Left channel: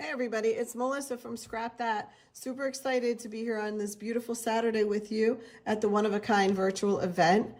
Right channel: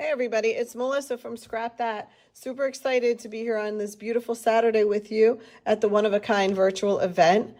Hey everybody, it's Melissa from Scrap That. Super excited to be here on this beautiful Saturday with you at the One of a Kind virtual event.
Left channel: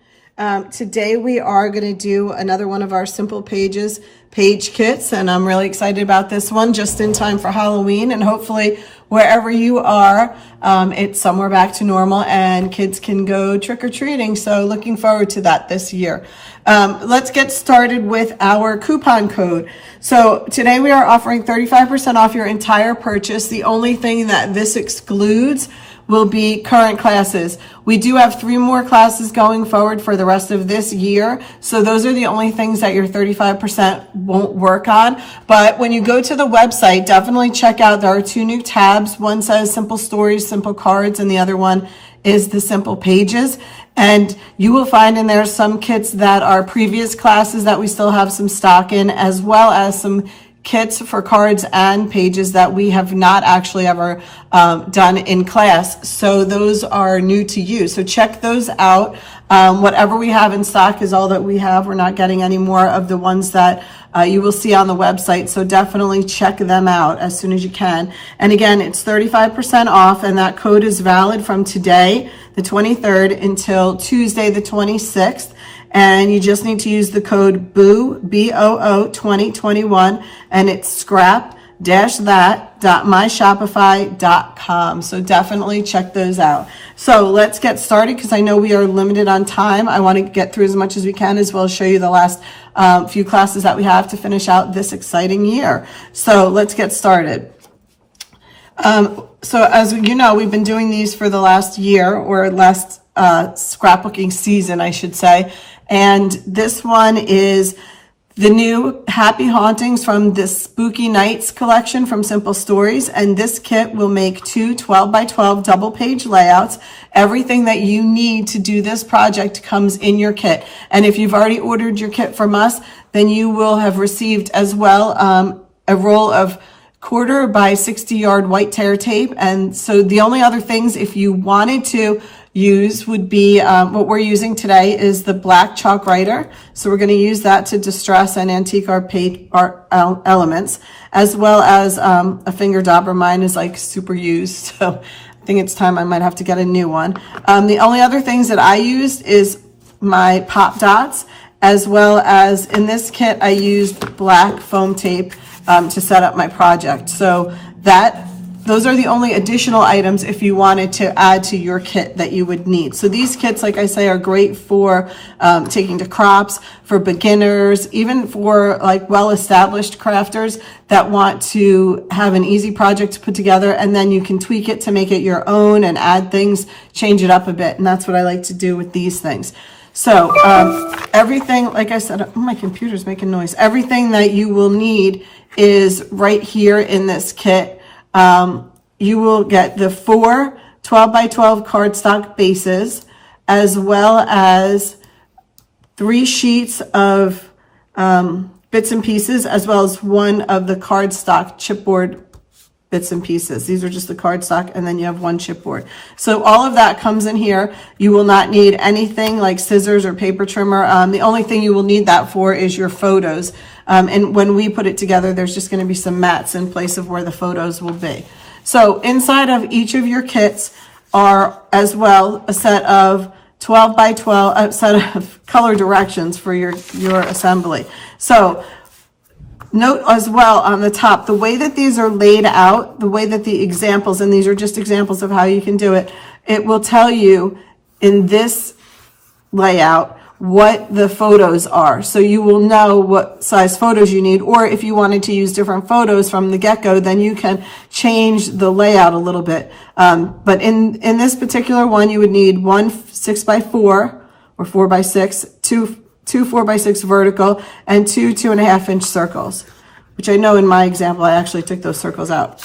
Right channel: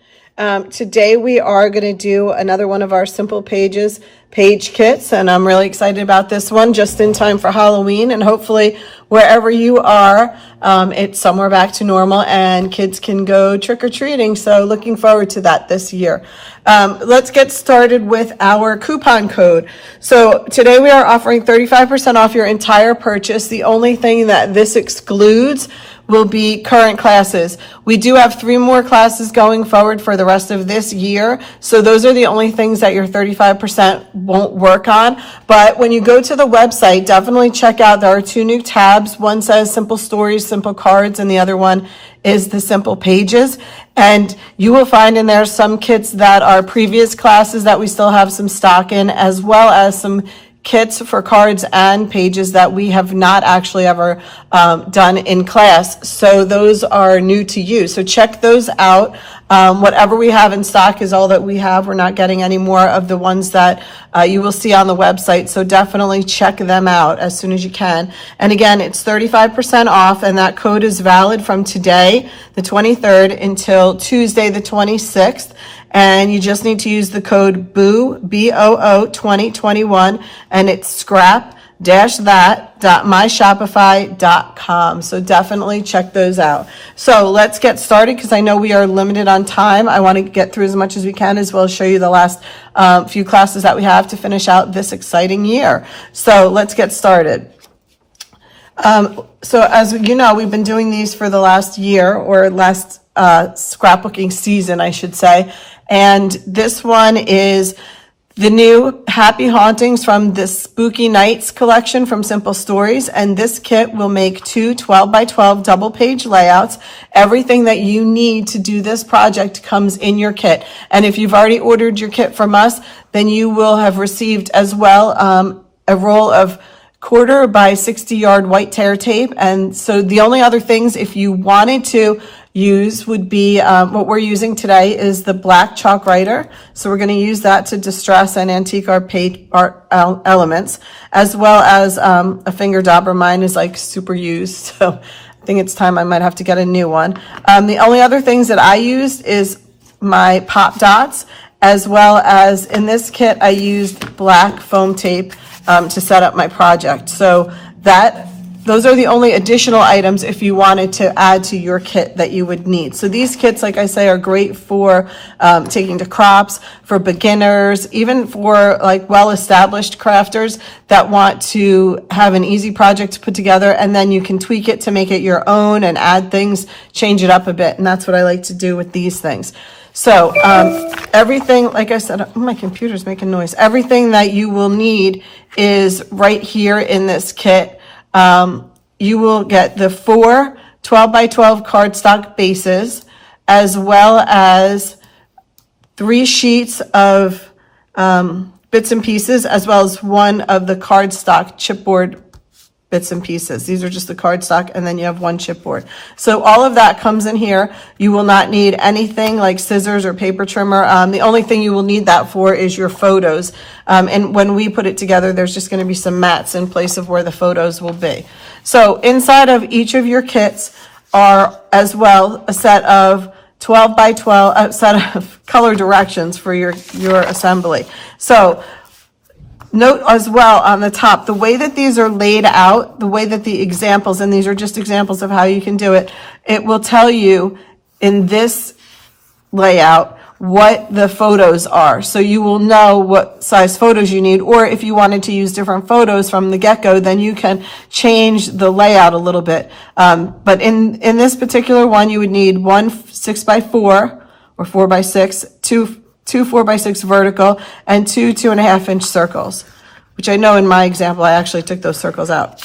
Today we are going to do another one of our Simple Pages page kits, and I'm really excited about this one just in time for Halloween, and hopefully wherever you are, it's somewhere back to normal and kids can go trick-or-treating. So looking forward to that this year. Let's get started with our coupon code. So today we are offering 35% off your entire purchase. The only thing that this excludes will be current classes. We do have 3 more classes going forward for the rest of this year. So those are the only things that your 35% won't work on. But when you go to the website, definitely check out, there are 2 new tabs. One says Simple Stories, Simple Cards, and the other one is the Simple Pages. And you will find in there some kits that are previous classes that we still have some stock in, as well as some kits for cards and pages that we have not actually ever done in class. So those are new to you. So check those out. Whatever we have in stock is all that we have. We're not getting any more of the ones that you will see on the website. So definitely check them out as soon as you can. And again, it's 35% off, and that code is valid from today, the 23rd, until Tuesday, the 26th. And you just need to use the code BOO, B-O-O 2021, and it's scrap-that.myshopify.com. So definitely check those out. So let's get started because I know we are limited on time. I want to get through as much as we can, as well as show you the last few classes that we have to finish out this exciting year. So let's get started. So as you know, we've been doing these for the last year, or last scrapbooking season, I should say. And this one is the new Happy Hauntings from the Spooky Nights collection from Simple Stories. And this kit will make 2 12x12 double page layouts. Everything that you need to do this project comes in your kit. And if you've already ordered your kit from us, then you will have received as well a roll of 1/4 by 60 yard white tear tape. And so the only other things, if you wanted to use, would be what we're using today is the black chalk writer. So we're going to use that to distress and antique our page art elements, as well as a finger dauber. Mine is like super used, so I think it's time I might have to get a new one. The only other things that I used is my pop dots, as well as in this kit I used black foam tape to set up my project. So those are the only additional items if you wanted to add to your kit that you would need. So these kits, like I say, are great for taking to crops, for beginners, even for like well-established crafters that want to have an easy project to put together, and then you can tweak it to make it your own and add things, change it up a bit. And that's what I like to do with these things. So everything, like I said, oh, my computer's making noise. Everything that you will need is right here in this kit. You will get the 4 12x12 cardstock bases, as well as 3 sheets of bits and pieces, as well as 1 of the cardstock chipboard bits and pieces. These are just the cardstock, and then you have 1 chipboard. So all of that comes in here. You will not need anything like scissors or paper trimmer. The only thing you will need that for is your photos. And when we put it together, there's just going to be some mats in place of where the photos will be. So inside of each of your kits are as well a set of 12x12, a set of color directions for your assembly. So note as well on the top, the way that these are laid out, the way that the examples, and these are just examples of how you can do it, it will tell you in this layout what the photos are. So you will know what size photos you need, or if you wanted to use different photos from the get-go, then you can change the layout a little bit. But in this particular one, you would need 1 6x4 or 4x6, two 4x6 vertical, and 2 2.5-inch circles, which I know in my example, I actually took those circles out.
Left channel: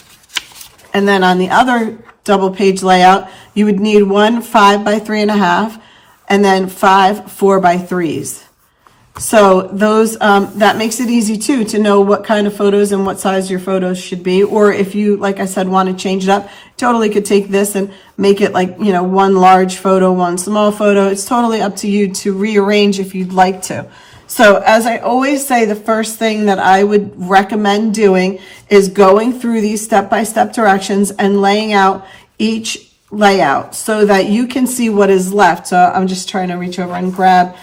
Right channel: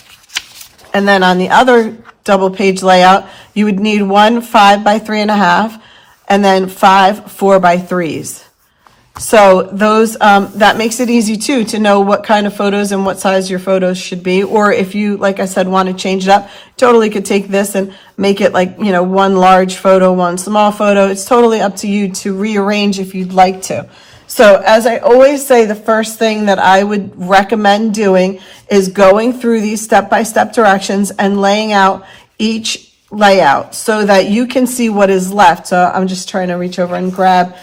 And then on the other double page layout, you would need 1 5x3.5, and then 5 4x3s. So those, that makes it easy too, to know what kind of photos and what size your photos should be. Or if you, like I said, want to change it up, totally could take this and make it like, 1 large photo, 1 small photo. It's totally up to you to rearrange if you'd like to. So as I always say, the first thing that I would recommend doing is going through these step-by-step directions and laying out each layout so that you can see what is left. So I'm just trying to reach over and grab,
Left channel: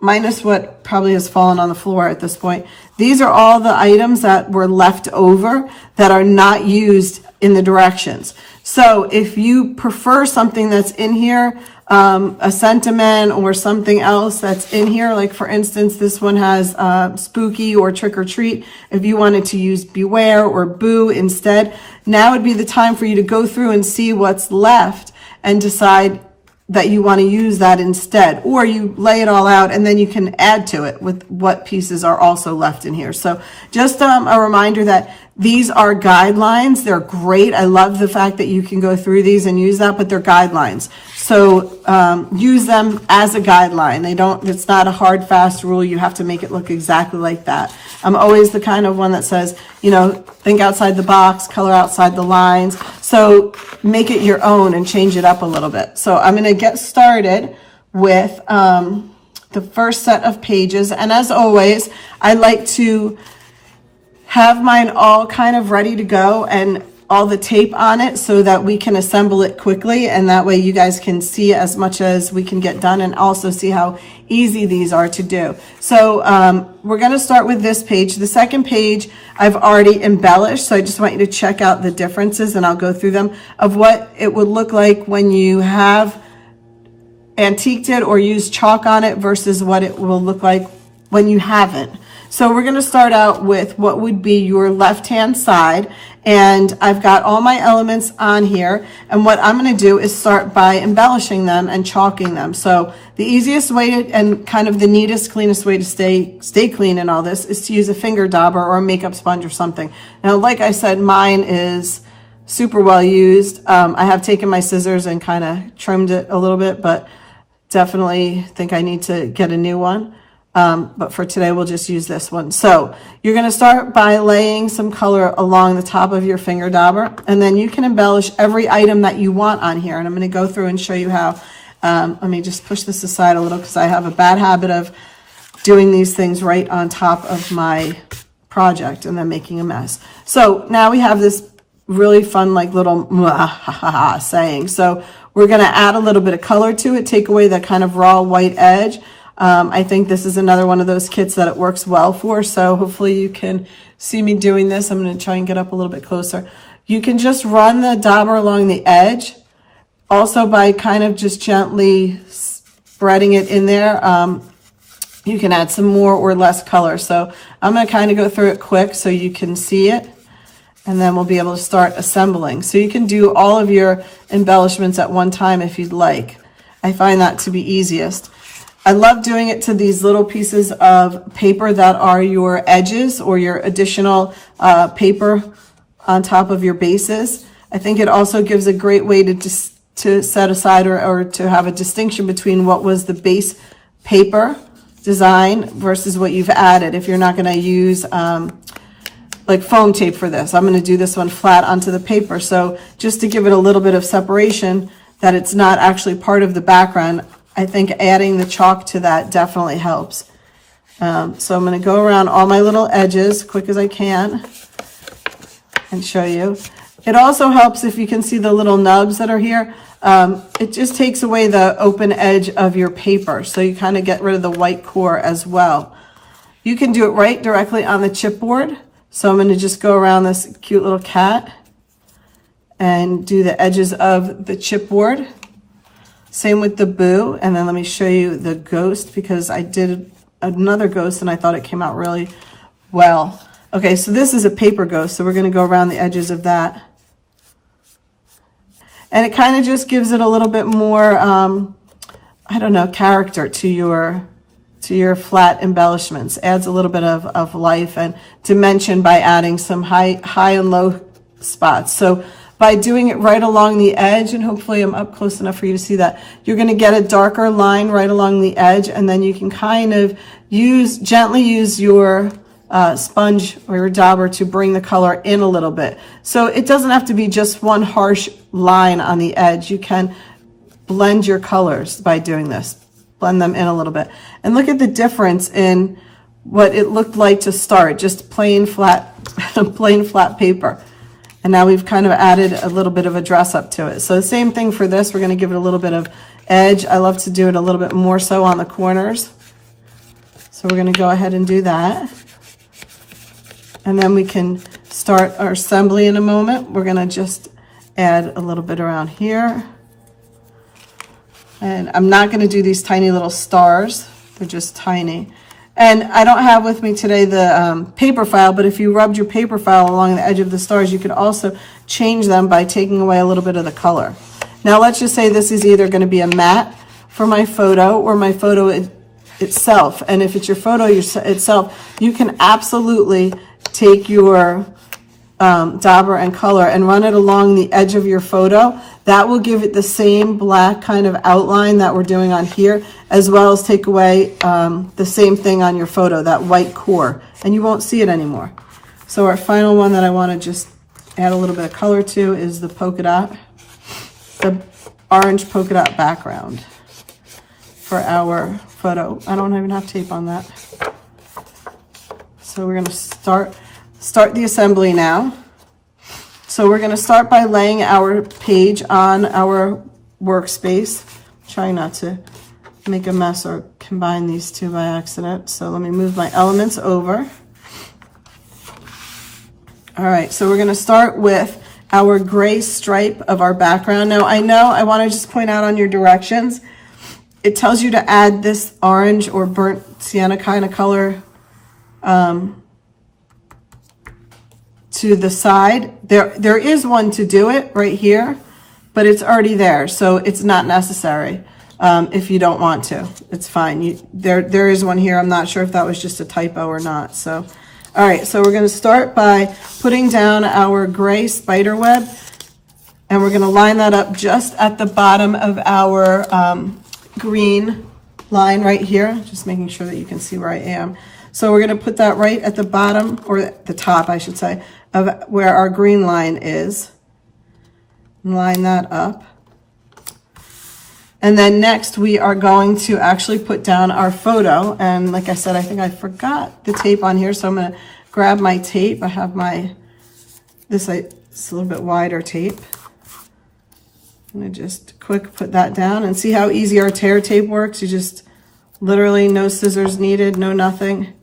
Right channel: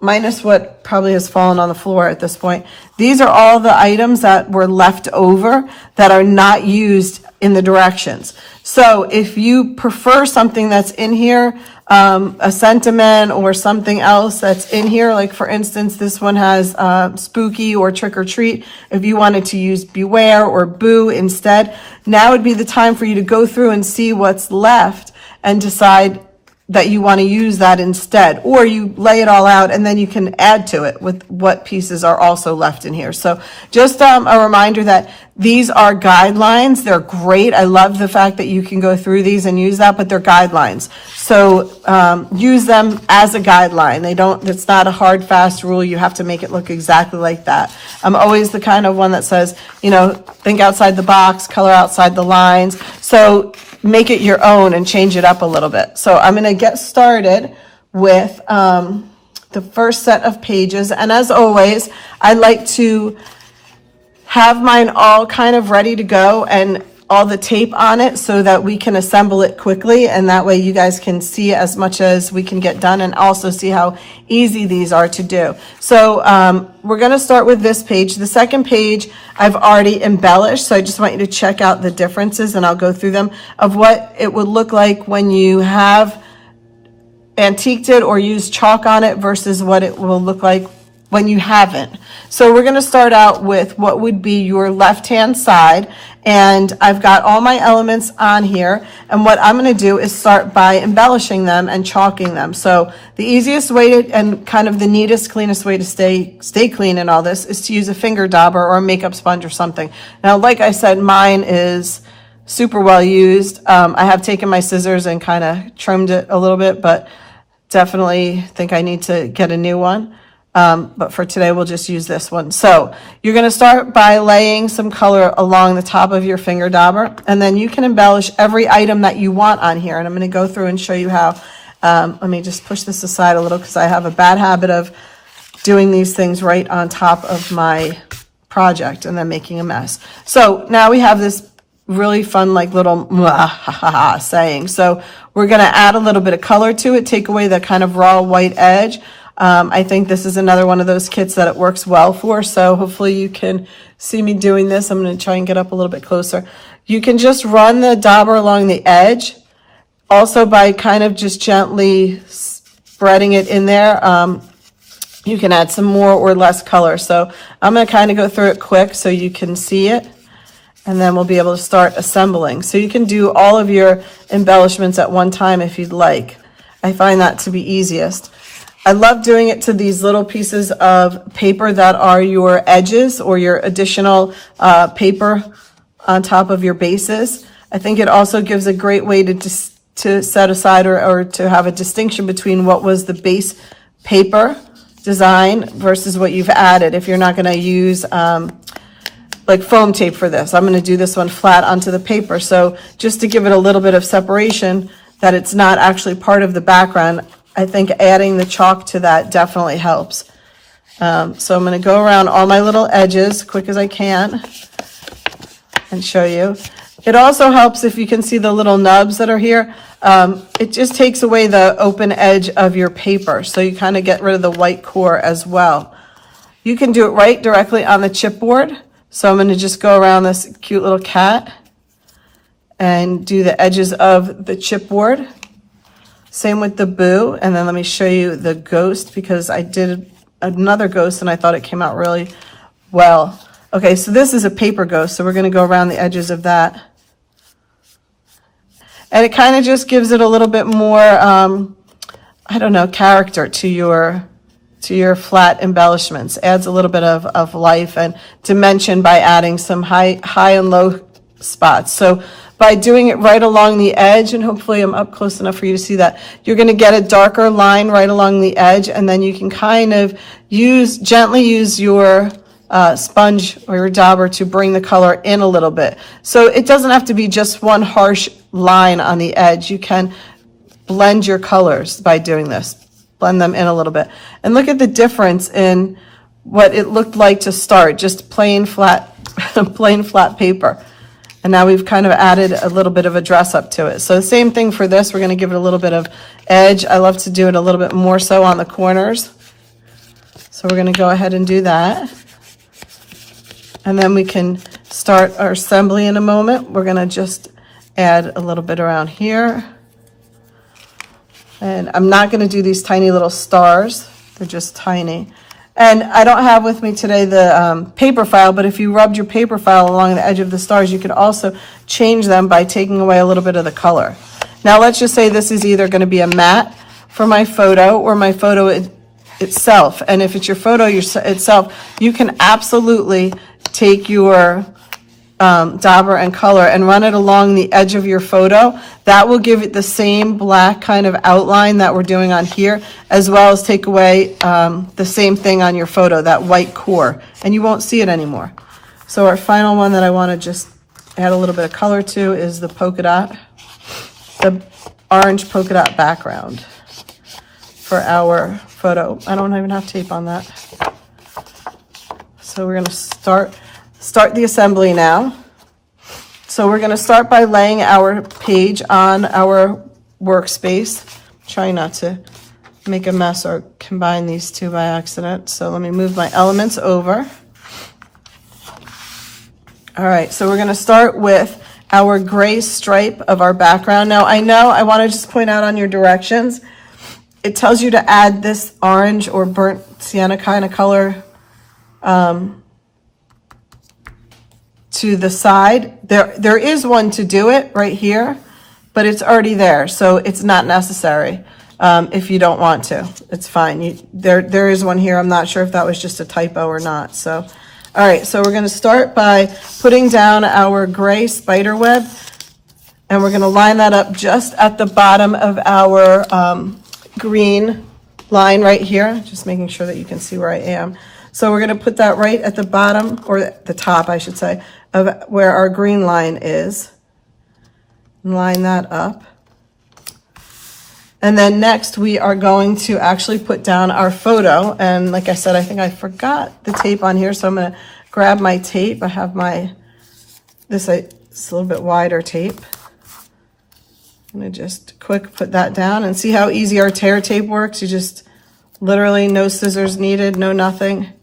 minus what probably has fallen on the floor at this point. These are all the items that were left over that are not used in the directions. So if you prefer something that's in here, a sentiment or something else that's in here, like for instance, this one has spooky or trick or treat. If you wanted to use beware or boo instead, now would be the time for you to go through and see what's left and decide that you want to use that instead, or you lay it all out and then you can add to it with what pieces are also left in here. So just a reminder that these are guidelines. They're great. I love the fact that you can go through these and use that, but they're guidelines. So use them as a guideline. It's not a hard, fast rule. You have to make it look exactly like that. I'm always the kind of one that says, think outside the box, color outside the lines. So make it your own and change it up a little bit. So I'm going to get started with the first set of pages. And as always, I like to have mine all kind of ready to go and all the tape on it so that we can assemble it quickly, and that way you guys can see as much as we can get done and also see how easy these are to do. So we're going to start with this page. The second page I've already embellished, so I just want you to check out the differences and I'll go through them of what it would look like when you have antiqued it or used chalk on it versus what it will look like when you haven't. So we're going to start out with what would be your left-hand side, and I've got all my elements on here, and what I'm going to do is start by embellishing them and chalking them. So the easiest way to, and kind of the neatest, cleanest way to stay clean in all this is to use a finger dauber or a makeup sponge or something. Now, like I said, mine is super well used. I have taken my scissors and kind of trimmed it a little bit, but definitely think I need to get a new one. But for today, we'll just use this one. So you're going to start by laying some color along the top of your finger dauber, and then you can embellish every item that you want on here. And I'm going to go through and show you how. Let me just push this aside a little because I have a bad habit of doing these things right on top of my project and then making a mess. So now we have this really fun, like little saying. So we're going to add a little bit of color to it, take away the kind of raw white edge. I think this is another one of those kits that it works well for, so hopefully you can see me doing this. I'm going to try and get up a little bit closer. You can just run the dauber along the edge, also by kind of just gently spreading it in there. You can add some more or less color. So I'm going to kind of go through it quick so you can see it, and then we'll be able to start assembling. So you can do all of your embellishments at one time if you'd like. I find that to be easiest. I love doing it to these little pieces of paper that are your edges or your additional paper on top of your bases. I think it also gives a great way to set aside or to have a distinction between what was the base paper design versus what you've added. If you're not going to use like foam tape for this, I'm going to do this one flat onto the paper. So just to give it a little bit of separation that it's not actually part of the background, I think adding the chalk to that definitely helps. So I'm going to go around all my little edges quick as I can and show you. It also helps if you can see the little nubs that are here. It just takes away the open edge of your paper, so you kind of get rid of the white core as well. You can do it right directly on the chipboard. So I'm going to just go around this cute little cat and do the edges of the chipboard. Same with the boo, and then let me show you the ghost because I did another ghost and I thought it came out really well. Okay, so this is a paper ghost, so we're going to go around the edges of that. And it kind of just gives it a little bit more, I don't know, character to your flat embellishments. Adds a little bit of life and dimension by adding some high and low spots. So by doing it right along the edge, and hopefully I'm up close enough for you to see that, you're going to get a darker line right along the edge, and then you can kind of gently use your sponge or your dauber to bring the color in a little bit. So it doesn't have to be just one harsh line on the edge. You can blend your colors by doing this. blend them in a little bit. And look at the difference in what it looked like to start, just plain flat, plain flat paper. And now we've kind of added a little bit of a dress up to it. So the same thing for this, we're going to give it a little bit of edge. I love to do it a little bit more so on the corners. So we're going to go ahead and do that. And then we can start our assembly in a moment. We're going to just add a little bit around here. And I'm not going to do these tiny little stars. They're just tiny. And I don't have with me today the paper file, but if you rubbed your paper file along the edge of the stars, you could also change them by taking away a little bit of the color. Now let's just say this is either going to be a matte for my photo or my photo itself. And if it's your photo itself, you can absolutely take your dauber and color and run it along the edge of your photo. That will give it the same black kind of outline that we're doing on here, as well as take away the same thing on your photo, that white core, and you won't see it anymore. So our final one that I want to just add a little bit of color to is the polka dot, the orange polka dot background for our photo. I don't even have tape on that. So we're going to start the assembly now. So we're going to start by laying our page on our workspace. Try not to make a mess or combine these two by accident. So let me move my elements over. All right, so we're going to start with our gray stripe of our background. Now I know I want to just point out on your directions, it tells you to add this orange or burnt sienna kind of color to the side. There is one to do it right here, but it's already there, so it's not necessary. If you don't want to, it's fine. There is one here. I'm not sure if that was just a typo or not. So, all right, so we're going to start by putting down our gray spider web, and we're going to line that up just at the bottom of our green line right here, just making sure that you can see where I am. So we're going to put that right at the bottom, or the top, I should say, of where our green line is. Line that up. And then next we are going to actually put down our photo. And like I said, I think I forgot the tape on here, so I'm going to grab my tape. I have it's a little bit wider tape. I'm going to just quick put that down and see how easy our tear tape works. You just literally no scissors needed, no nothing.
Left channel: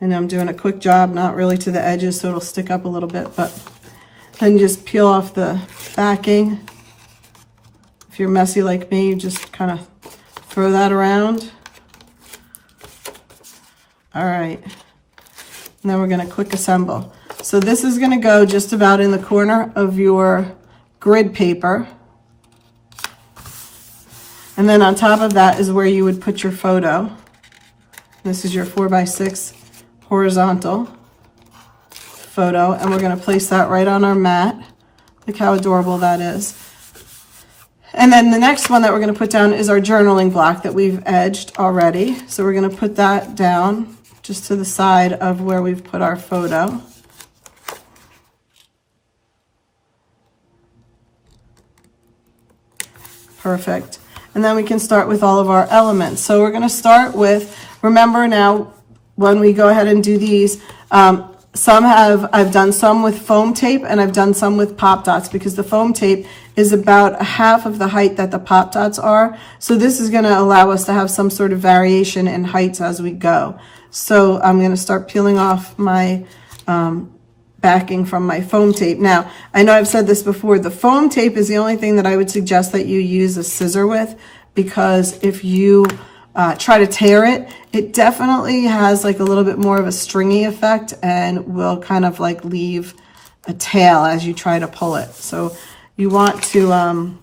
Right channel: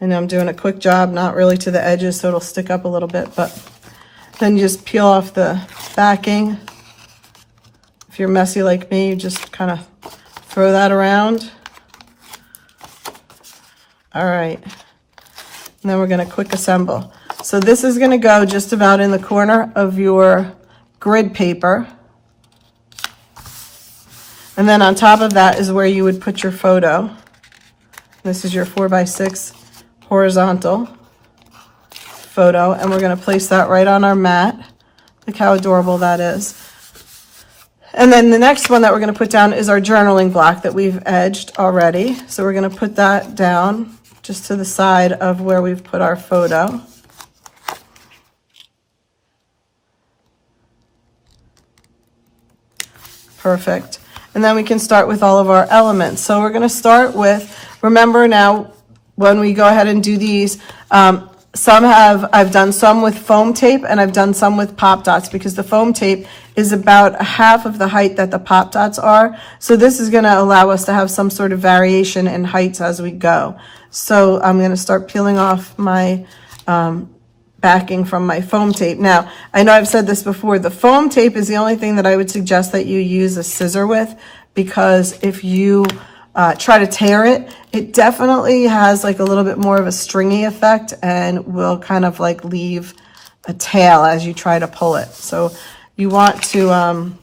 And I'm doing a quick job, not really to the edges, so it'll stick up a little bit, but then you just peel off the backing. If you're messy like me, you just kind of throw that around. All right, and then we're going to quick assemble. So this is going to go just about in the corner of your grid paper. And then on top of that is where you would put your photo. This is your 4x6 horizontal photo, and we're going to place that right on our mat. Look how adorable that is. And then the next one that we're going to put down is our journaling block that we've edged already. So we're going to put that down just to the side of where we've put our photo. Perfect. And then we can start with all of our elements. So we're going to start with, remember now, when we go ahead and do these, I've done some with foam tape and I've done some with pop dots, because the foam tape is about half of the height that the pop dots are. So this is going to allow us to have some sort of variation in heights as we go. So I'm going to start peeling off my backing from my foam tape. Now, I know I've said this before, the foam tape is the only thing that I would suggest that you use a scissor with, because if you try to tear it, it definitely has like a little bit more of a stringy effect and will kind of like leave a tail as you try to pull it. So you want to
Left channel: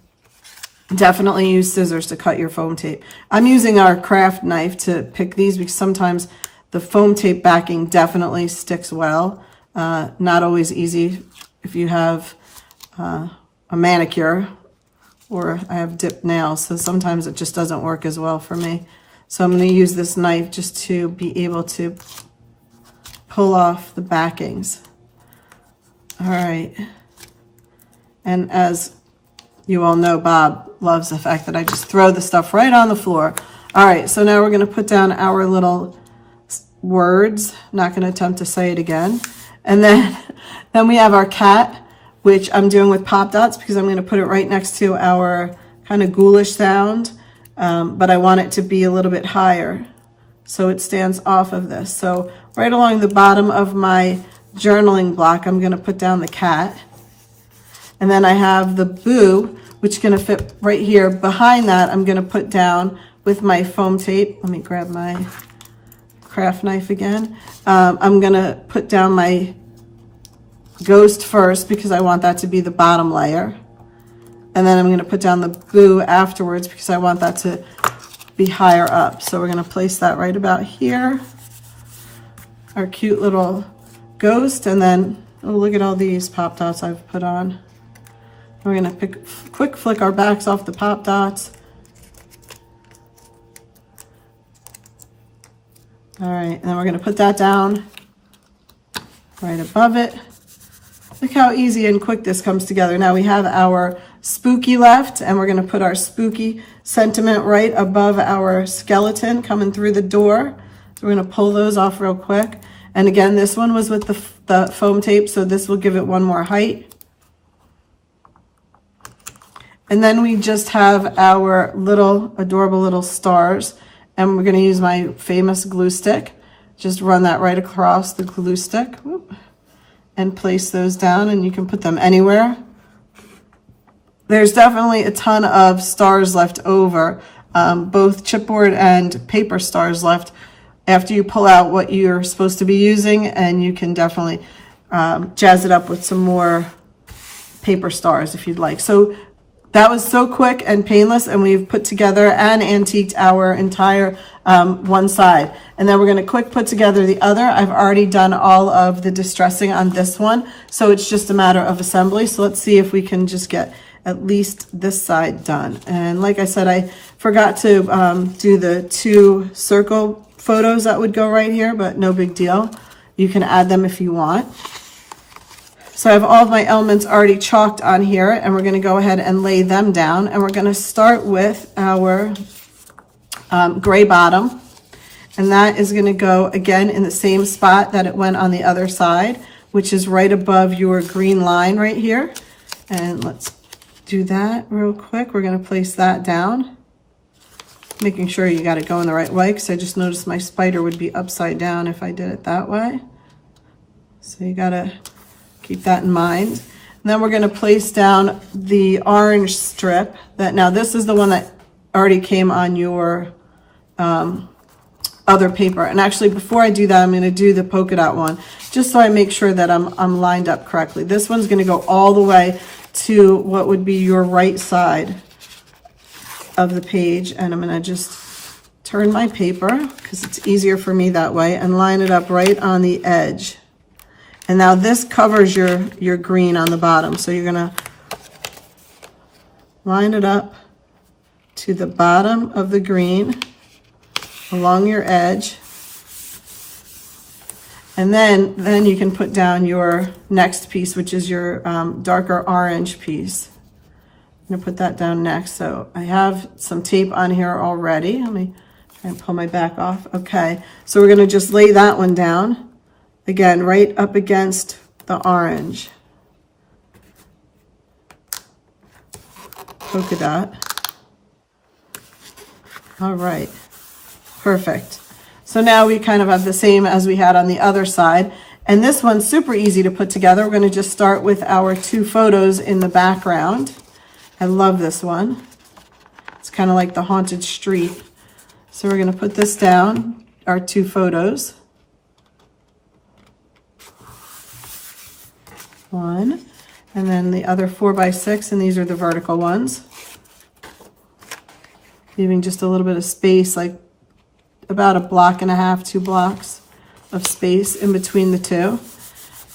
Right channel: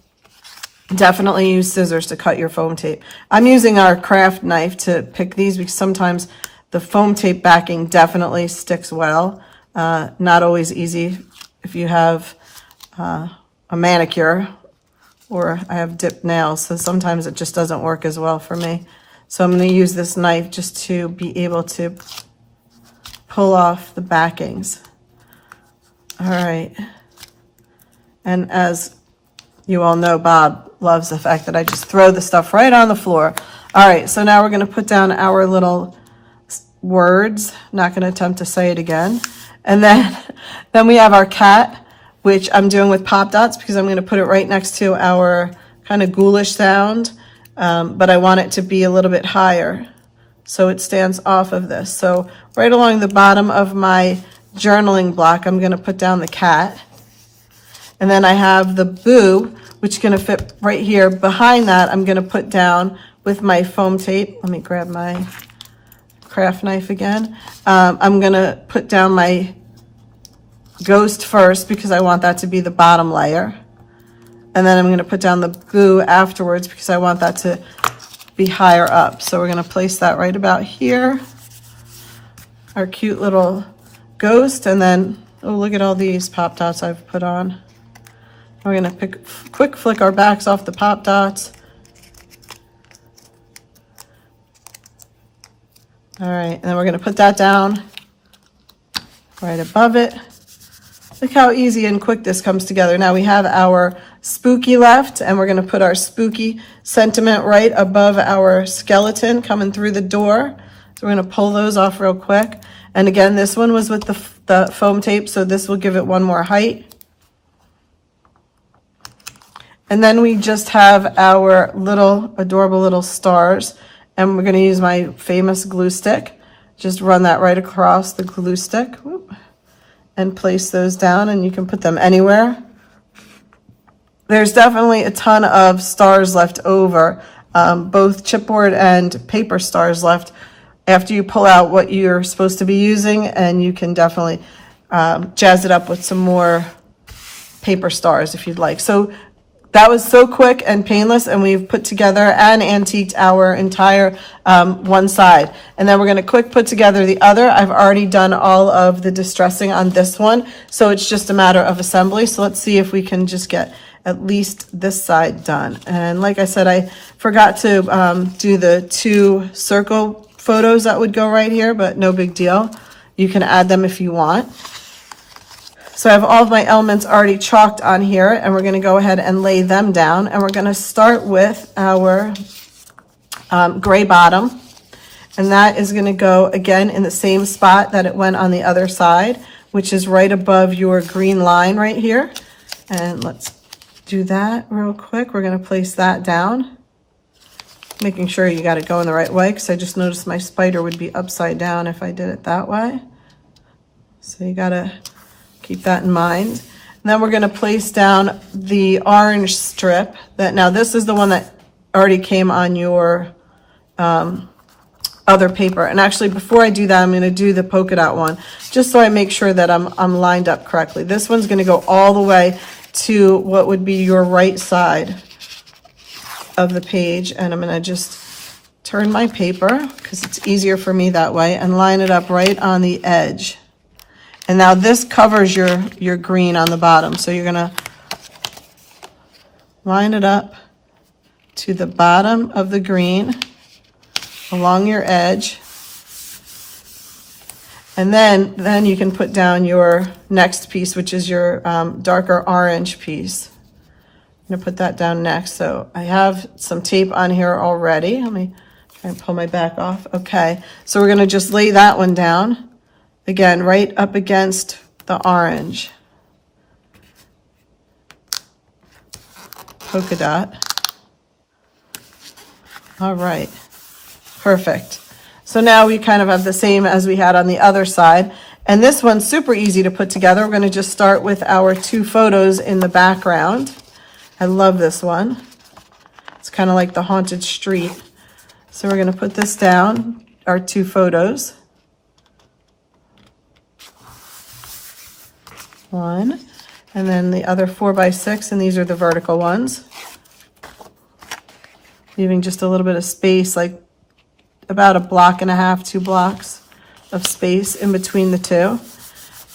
definitely use scissors to cut your foam tape. I'm using our craft knife to pick these because sometimes the foam tape backing definitely sticks well. Not always easy if you have a manicure, or I have dipped nails, so sometimes it just doesn't work as well for me. So I'm going to use this knife just to be able to pull off the backings. All right. And as you all know, Bob loves the fact that I just throw the stuff right on the floor. All right, so now we're going to put down our little words. Not going to attempt to say it again. And then we have our cat, which I'm doing with pop dots because I'm going to put it right next to our kind of ghoulish sound, but I want it to be a little bit higher so it stands off of this. So right along the bottom of my journaling block, I'm going to put down the cat. And then I have the boo, which is going to fit right here. Behind that, I'm going to put down with my foam tape. Let me grab my craft knife again. I'm going to put down my ghost first because I want that to be the bottom layer. And then I'm going to put down the boo afterwards because I want that to be higher up. So we're going to place that right about here. Our cute little ghost. And then, oh, look at all these pop dots I've put on. We're going to quick flick our backs off the pop dots. All right, and then we're going to put that down right above it. Look how easy and quick this comes together. Now we have our spooky left, and we're going to put our spooky sentiment right above our skeleton coming through the door. So we're going to pull those off real quick. And again, this one was with the foam tape, so this will give it one more height. And then we just have our little adorable little stars, and we're going to use my famous glue stick. Just run that right across the glue stick. Whoop, and place those down, and you can put them anywhere. There's definitely a ton of stars left over, both chipboard and paper stars left after you pull out what you're supposed to be using, and you can definitely jazz it up with some more paper stars if you'd like. So that was so quick and painless, and we've put together and antiqued our entire one side. And then we're going to quick put together the other. I've already done all of the distressing on this one, so it's just a matter of assembly. So let's see if we can just get at least this side done. And like I said, I forgot to do the 2 circle photos that would go right here, but no big deal. You can add them if you want. So I have all of my elements already chalked on here, and we're going to go ahead and lay them down. And we're going to start with our gray bottom. And that is going to go again in the same spot that it went on the other side, which is right above your green line right here. And let's do that real quick. We're going to place that down, making sure you got it going the right way, because I just noticed my spider would be upside down if I did it that way. So you got to keep that in mind. And then we're going to place down the orange strip. That now this is the one that already came on your other paper. And actually, before I do that, I'm going to do the polka dot one, just so I make sure that I'm lined up correctly. This one's going to go all the way to what would be your right side of the page, and I'm going to just turn my paper because it's easier for me that way, and line it up right on the edge. And now this covers your green on the bottom. So you're going to line it up to the bottom of the green along your edge. And then you can put down your next piece, which is your darker orange piece. I'm going to put that down next. So I have some tape on here already. Let me try and pull my back off. Okay, so we're going to just lay that one down. Again, right up against the orange polka dot. All right, perfect. So now we kind of have the same as we had on the other side. And this one's super easy to put together. We're going to just start with our 2 photos in the background. I love this one. It's kind of like the haunted street. So we're going to put this down, our 2 photos. One, and then the other 4x6, and these are the vertical ones. Leaving just a little bit of space, like about 1.5 blocks, 2 blocks of space in between the 2.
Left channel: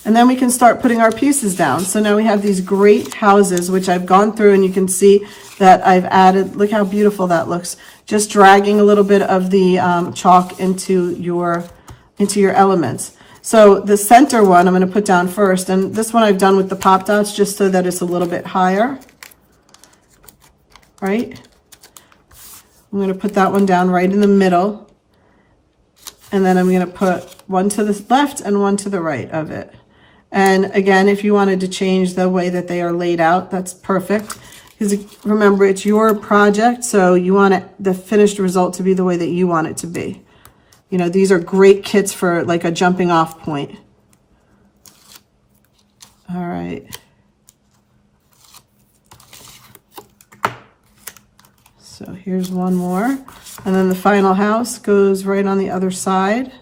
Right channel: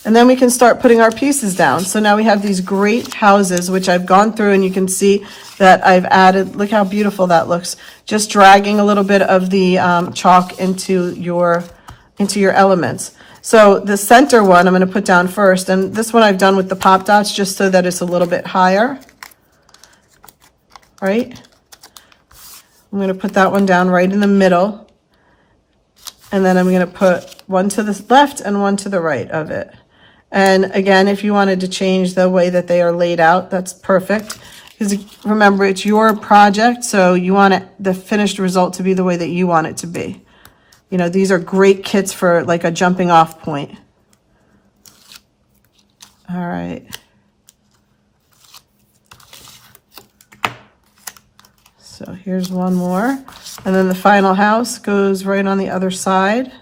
And then we can start putting our pieces down. So now we have these great houses, which I've gone through, and you can see that I've added, look how beautiful that looks. Just dragging a little bit of the chalk into your elements. So the center one I'm going to put down first, and this one I've done with the pop dots just so that it's a little bit higher, right? I'm going to put that one down right in the middle. And then I'm going to put one to the left and one to the right of it. And again, if you wanted to change the way that they are laid out, that's perfect. Because remember, it's your project, so you want the finished result to be the way that you want it to be. You know, these are great kits for like a jumping off point. All right. So here's one more. And then the final house goes right on the other side.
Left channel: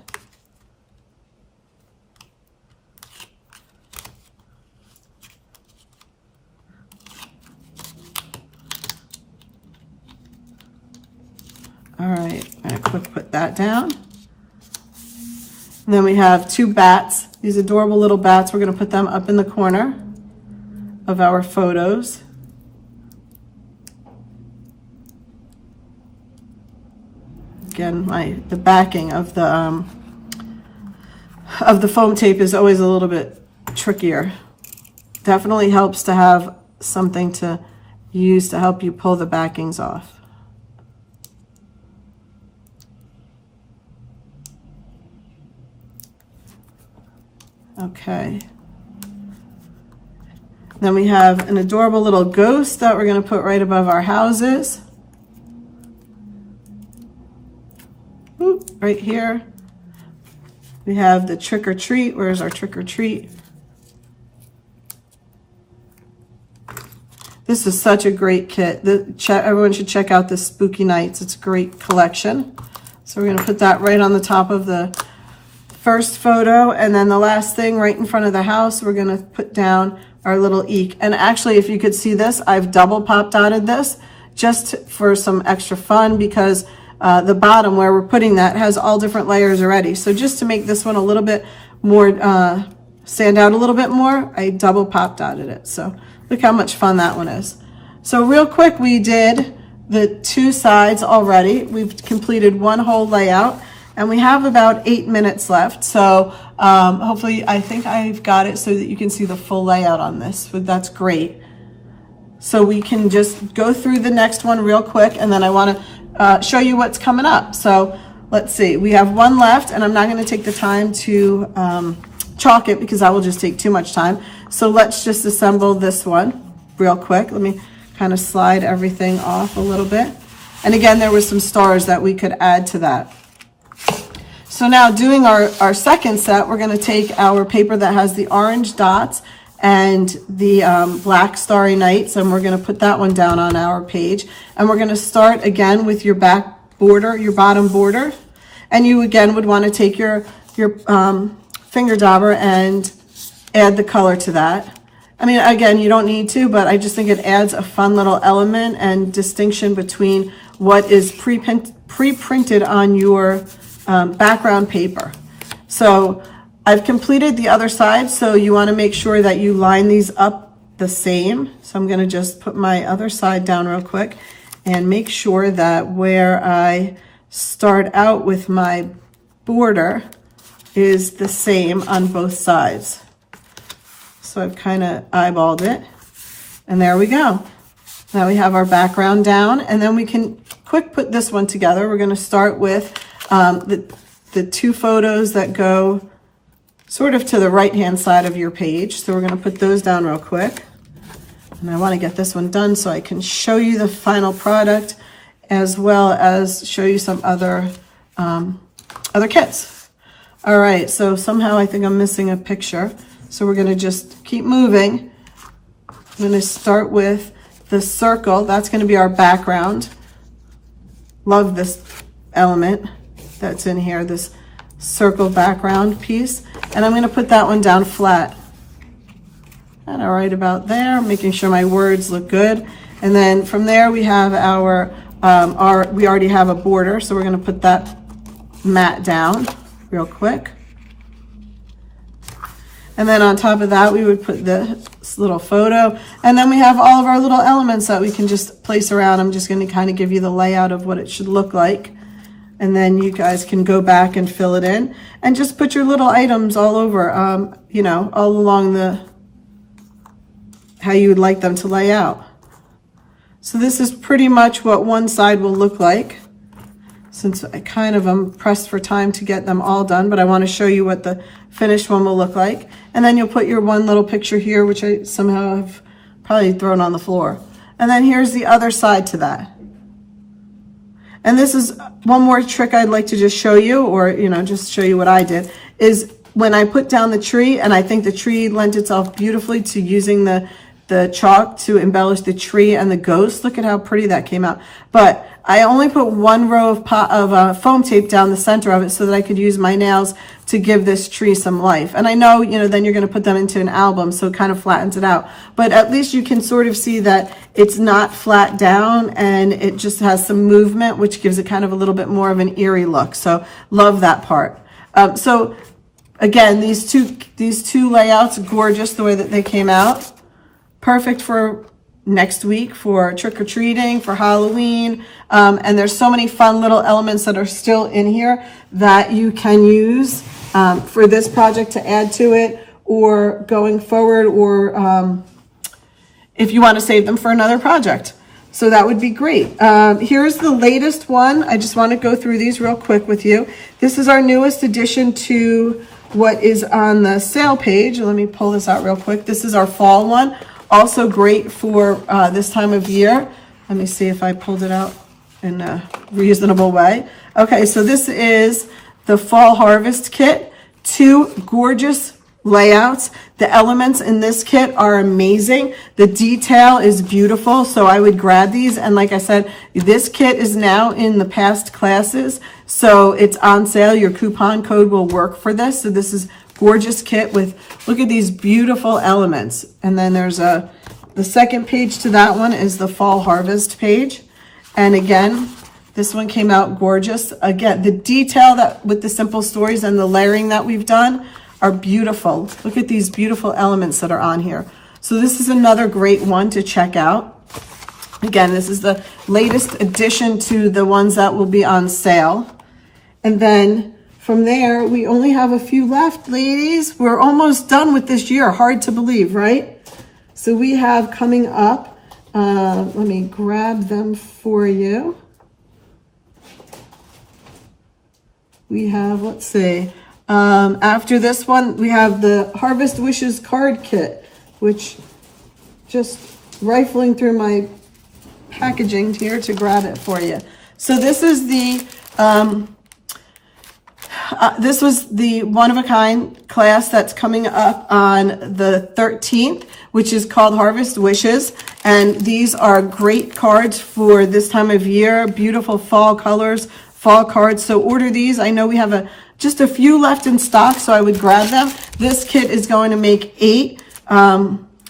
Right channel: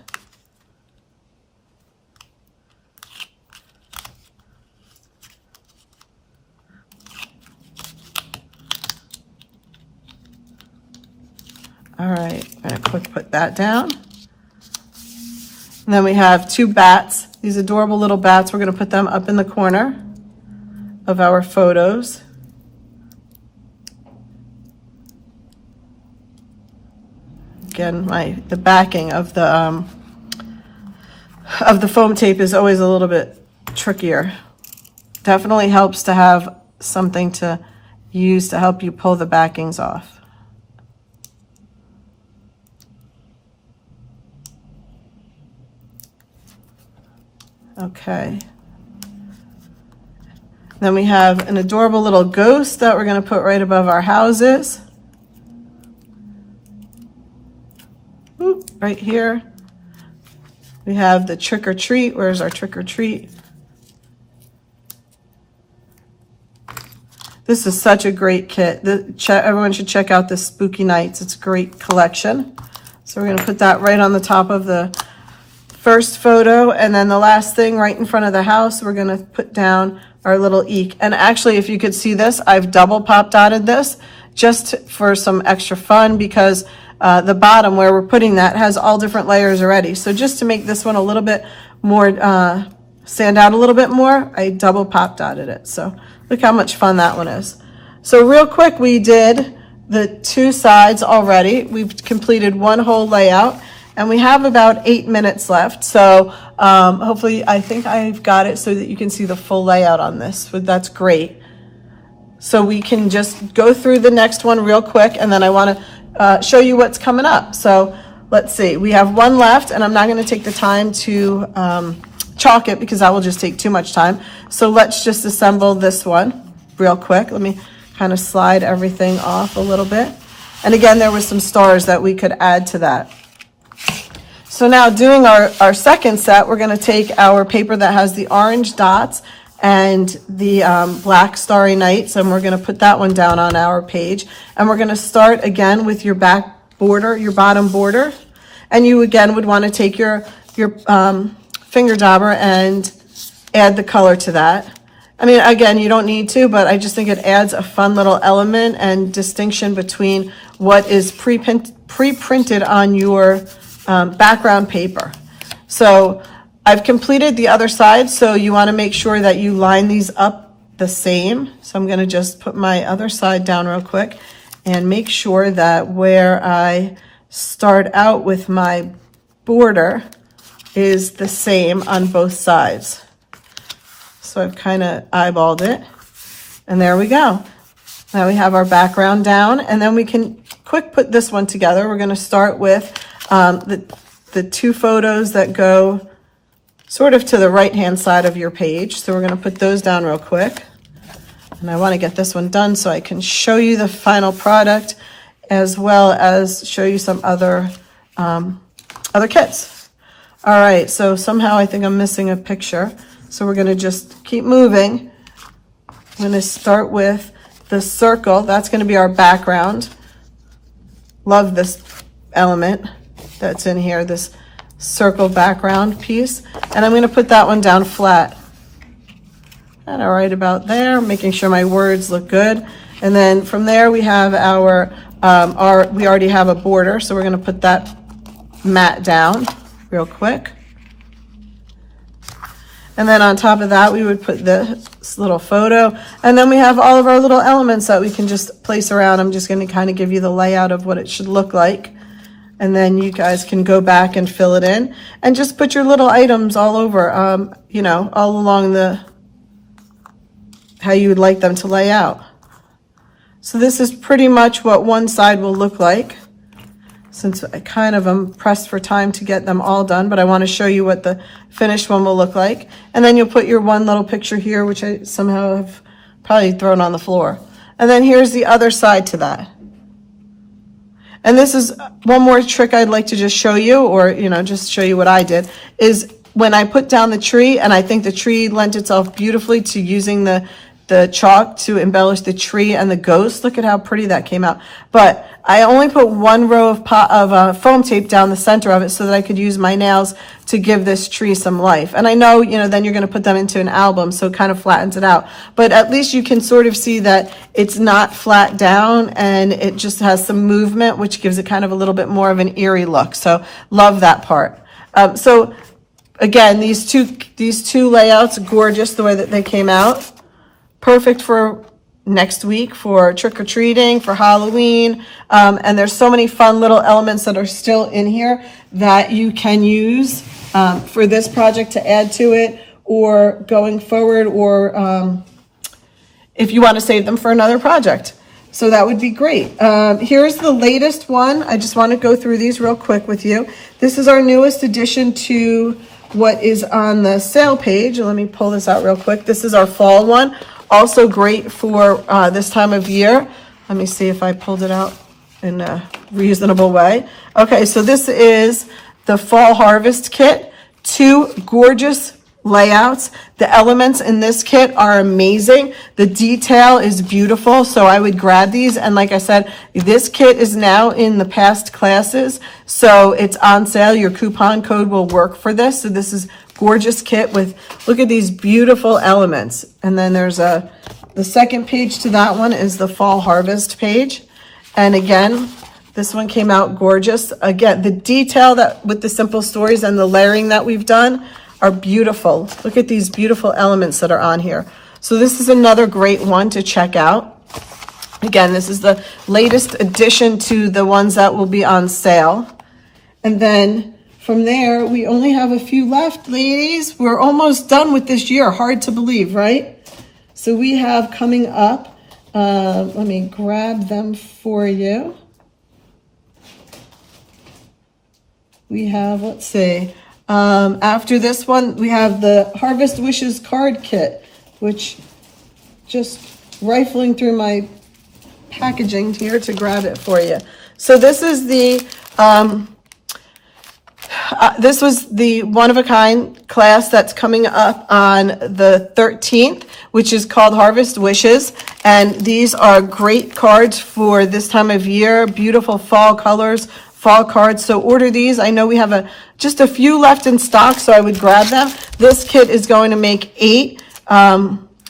All right, I'm gonna quick put that down. And then we have two bats, these adorable little bats. We're gonna put them up in the corner of our photos. Again, the backing of the foam tape is always a little bit trickier. Definitely helps to have something to use to help you pull the backings off. Okay. Then we have an adorable little ghost that we're going to put right above our houses. Oop, right here. We have the trick or treat. Where's our trick or treat? This is such a great kit. Everyone should check out this Spooky Nights. It's a great collection. So we're going to put that right on the top of the first photo, and then the last thing right in front of the house, we're going to put down our little eek. And actually, if you could see this, I've double pop dotted this just for some extra fun, because the bottom where we're putting that has all different layers already. So just to make this one a little bit more, stand out a little bit more, I double pop dotted it. So look how much fun that one is. So real quick, we did the two sides already. We've completed one whole layout. And we have about 8 minutes left. So hopefully, I think I've got it so that you can see the full layout on this. So that's great. So we can just go through the next one real quick, and then I want to show you what's coming up. So let's see, we have one left, and I'm not going to take the time to chalk it because that will just take too much time. So let's just assemble this one real quick. Let me kind of slide everything off a little bit. And again, there was some stars that we could add to that. So now doing our second set, we're going to take our paper that has the orange dots and the black starry nights, and we're going to put that one down on our page. And we're going to start again with your back border, your bottom border. And you again would want to take your finger dauber and add the color to that. I mean, again, you don't need to, but I just think it adds a fun little element and distinction between what is pre-printed on your background paper. So I've completed the other side, so you want to make sure that you line these up the same. So I'm going to just put my other side down real quick and make sure that where I start out with my border is the same on both sides. So I've kind of eyeballed it, and there we go. Now we have our background down, and then we can quick put this one together. We're going to start with the two photos that go sort of to the right-hand side of your page. So we're going to put those down real quick. And I want to get this one done so I can show you the final product as well as show you some other kits. All right, so somehow I think I'm missing a picture. So we're going to just keep moving. I'm going to start with the circle. That's going to be our background. Love this element that's in here, this circle background piece. And I'm going to put that one down flat. And right about there, making sure my words look good. And then from there we have we already have a border, so we're going to put that mat down real quick. And then on top of that, we would put this little photo. And then we have all of our little elements that we can just place around. I'm just going to kind of give you the layout of what it should look like. And then you guys can go back and fill it in and just put your little items all over, you know, all along how you would like them to lay out. So this is pretty much what one side will look like, since I kind of am pressed for time to get them all done, but I want to show you what the finished one will look like. And then you'll put your one little picture here, which I somehow have probably thrown on the floor. And then here's the other side to that. And this is one more trick I'd like to just show you, or, you know, just show you what I did, is when I put down the tree, and I think the tree lent itself beautifully to using the chalk to embellish the tree and the ghost. Look at how pretty that came out. But I only put one row of foam tape down the center of it so that I could use my nails to give this tree some life. And I know, you know, then you're going to put them into an album, so it kind of flattens it out. But at least you can sort of see that it's not flat down and it just has some movement, which gives it kind of a little bit more of an eerie look. So love that part. So again, these two layouts, gorgeous the way that they came out. Perfect for next week, for trick-or-treating, for Halloween. And there's so many fun little elements that are still in here that you can use for this project to add to it, or going forward, or if you want to save them for another project. So that would be great. Here's the latest one. I just want to go through these real quick with you. This is our newest addition to what is on the sale page. Let me pull this out real quick. This is our fall one. Also great for this time of year. Let me see if I pulled it out in a reasonable way. Okay, so this is the Fall Harvest Kit. Two gorgeous layouts. The elements in this kit are amazing. The detail is beautiful, so I would grab these. And like I said, this kit is now in the past classes, so it's on sale. Your coupon code will work for this. So this is gorgeous kit with, look at these beautiful elements. And then there's the second page to that one is the Fall Harvest page. And again, this one came out gorgeous. Again, the detail that with the simple stories and the layering that we've done are beautiful. Look at these beautiful elements that are on here. So this is another great one to check out. Again, this is the latest addition to the ones that will be on sale. And then from there, we only have a few left, ladies. We're almost done with this year. Hard to believe, right? So we have coming up, let me grab them for you. We have, let's see, after this one, we have the Harvest Wishes card kit, which just rifling through my packaging here to grab it for you. So this is the, this was the one-of-a-kind class that's coming up on the 13th, which is called Harvest Wishes. And these are great cards for this time of year, beautiful fall colors, fall cards. So order these. I know we have just a few left in stock, so I would grab them. This kit is going to make 8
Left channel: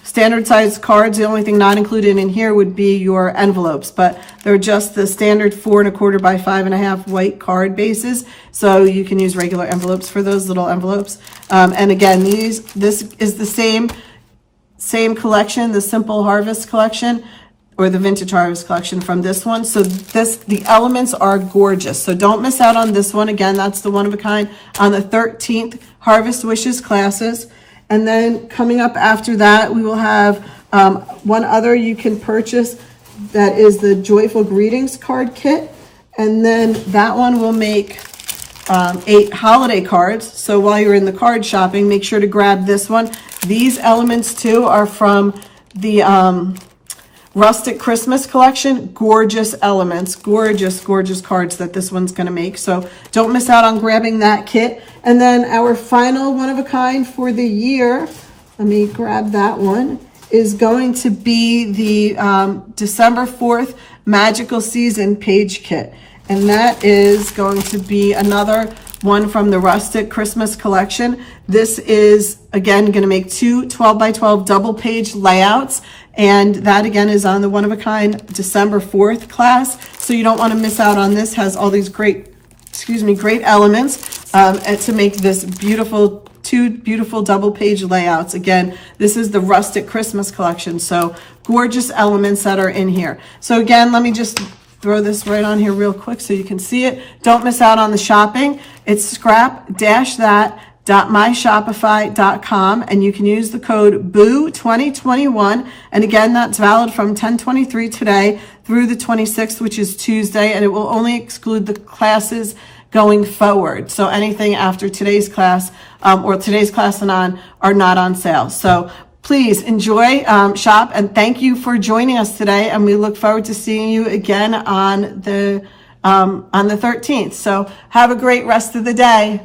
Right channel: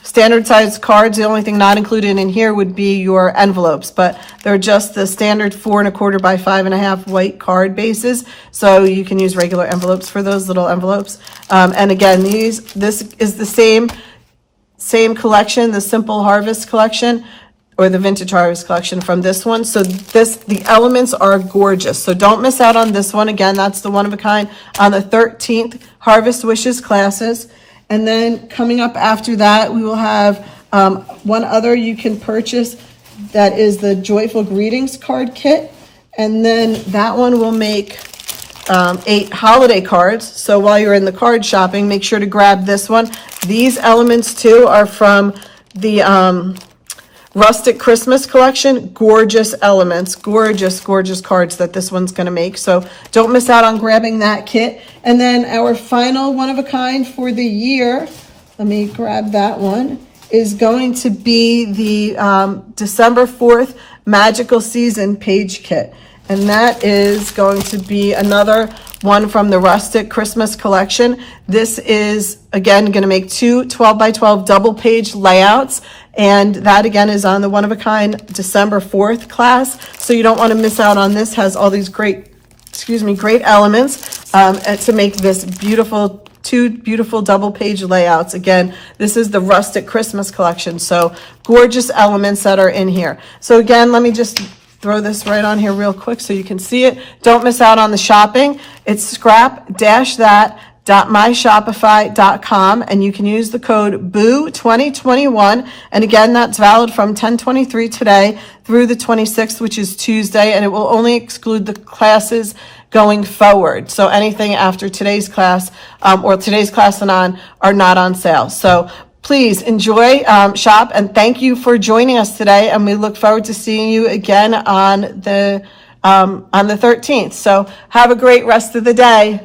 standard size cards. The only thing not included in here would be your envelopes, but they're just the standard 4 1/4 by 5 1/2 white card bases. So you can use regular envelopes for those little envelopes. And again, this is the same collection, the Simple Harvest collection, or the Vintage Harvest collection from this one. So the elements are gorgeous. So don't miss out on this one. Again, that's the one of a kind on the 13th Harvest Wishes classes. And then coming up after that, we will have one other you can purchase that is the Joyful Greetings card kit. And then that one will make 8 holiday cards. So while you're in the card shopping, make sure to grab this one. These elements too are from the Rustic Christmas collection. Gorgeous elements, gorgeous cards that this one's going to make. So don't miss out on grabbing that kit. And then our final one of a kind for the year, let me grab that one, is going to be the December 4th Magical Season page kit. And that is going to be another one from the Rustic Christmas collection. This is, again, going to make 2 12 by 12 double page layouts. And that, again, is on the one-of-a-kind December 4th class. So you don't want to miss out on this. Has all these great elements and to make this beautiful, 2 beautiful double page layouts. Again, this is the Rustic Christmas collection. So gorgeous elements that are in here. So again, let me just throw this right on here real quick so you can see it. Don't miss out on the shopping. It's scrap-that www.myshopify.com, and you can use the code BOO2021. And again, that's valid from 10/23 today through the 26th, which is Tuesday, and it will only exclude the classes going forward. So anything after today's class or today's class and on are not on sale. So please enjoy, shop, and thank you for joining us today. And we look forward to seeing you again on the 13th. So have a great rest of the day.